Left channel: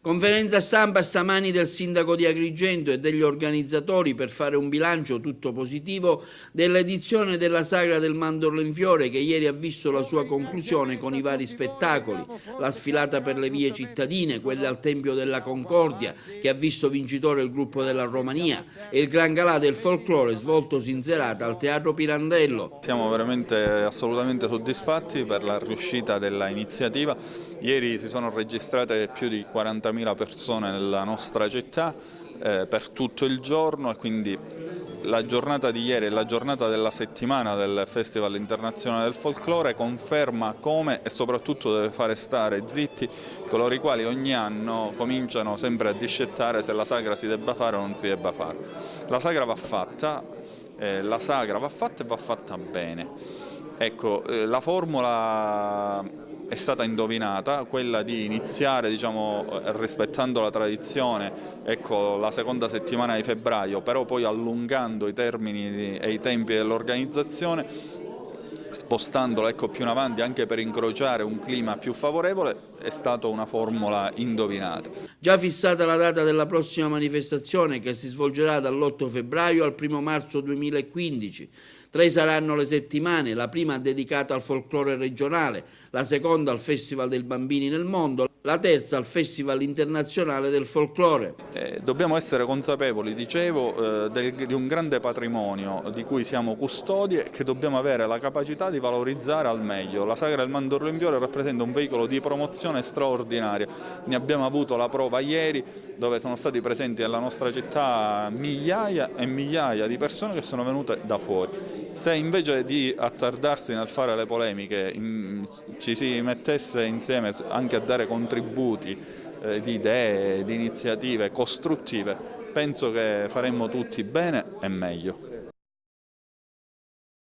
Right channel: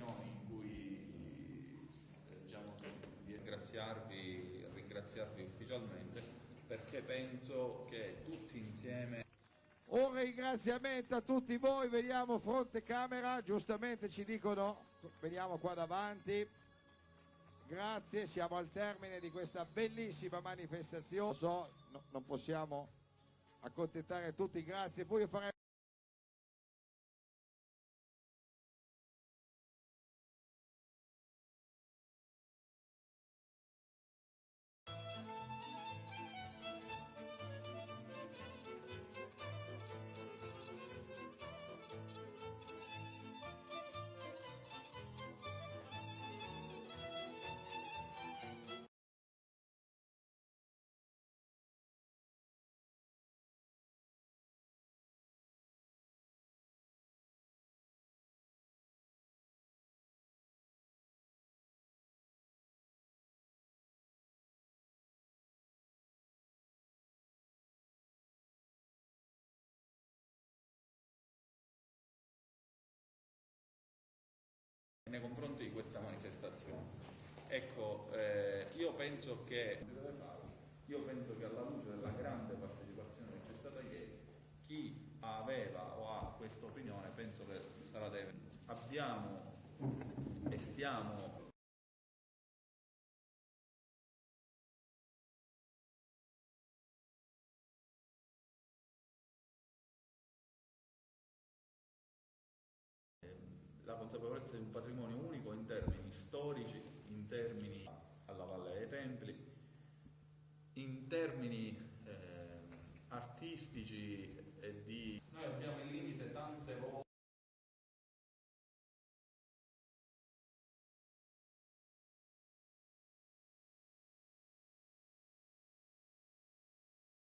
Conferenza stampa stamani del sindaco di Agrigento e degli organizzatori per fare un bilancio tutto positivo dell'edizione della Sagra del Mandorlo in Fiore, che ieri ha visto la sua conclusione con i vari spettacoli, la sfilata per le vie cittadine, quella al Tempio della Concordia che ha visto vincitore il gruppo della Romania e il Gran Galà del Folklore svoltosi in serata al Teatro Pirandello. Siamo veramente assolutamente soddisfatti per la riuscita della iniziativa. Ieri si sono registrate più di 40.000 persone nella nostra città per tutto il giorno, e quindi la giornata di ieri e la giornata della settimana del Festival Internazionale del Folklore conferma come e soprattutto deve fare stare zitti coloro i quali ogni anno cominciano sempre a discettare se la sagra si debba fare o non si debba fare. La sagra va fatta. E va fatta bene. Ecco, la formula è stata indovinata, quella di iniziare, diciamo, rispettando la tradizione, ecco, la seconda settimana di febbraio, però poi allungando i termini e i tempi dell'organizzazione, spostandola, ecco, più in avanti anche per incrociare un clima più favorevole. È stata una formula indovinata. Già fissata la data della prossima manifestazione, che si svolgerà dall'8 febbraio al 1 marzo 2015. 3 saranno le settimane, la prima dedicata al folklore regionale, la seconda al Festival dei Bambini nel Mondo, la terza al Festival Internazionale del Folklore. Dobbiamo essere consapevoli, dicevo, di un grande patrimonio di cui siamo custodi e che dobbiamo avere la capacità di valorizzare al meglio. La Sagra del Mandorlo in Fiore rappresenta un veicolo di promozione straordinaria. Ne abbiamo avuto la prova ieri, dove sono stati presenti nella nostra città migliaia e migliaia di persone che sono venute da fuori. Se invece di attardarsi nel fare le polemiche ci si mettesse insieme anche a dare contributi di idee, di iniziative costruttive, penso che faremmo tutti bene e meglio.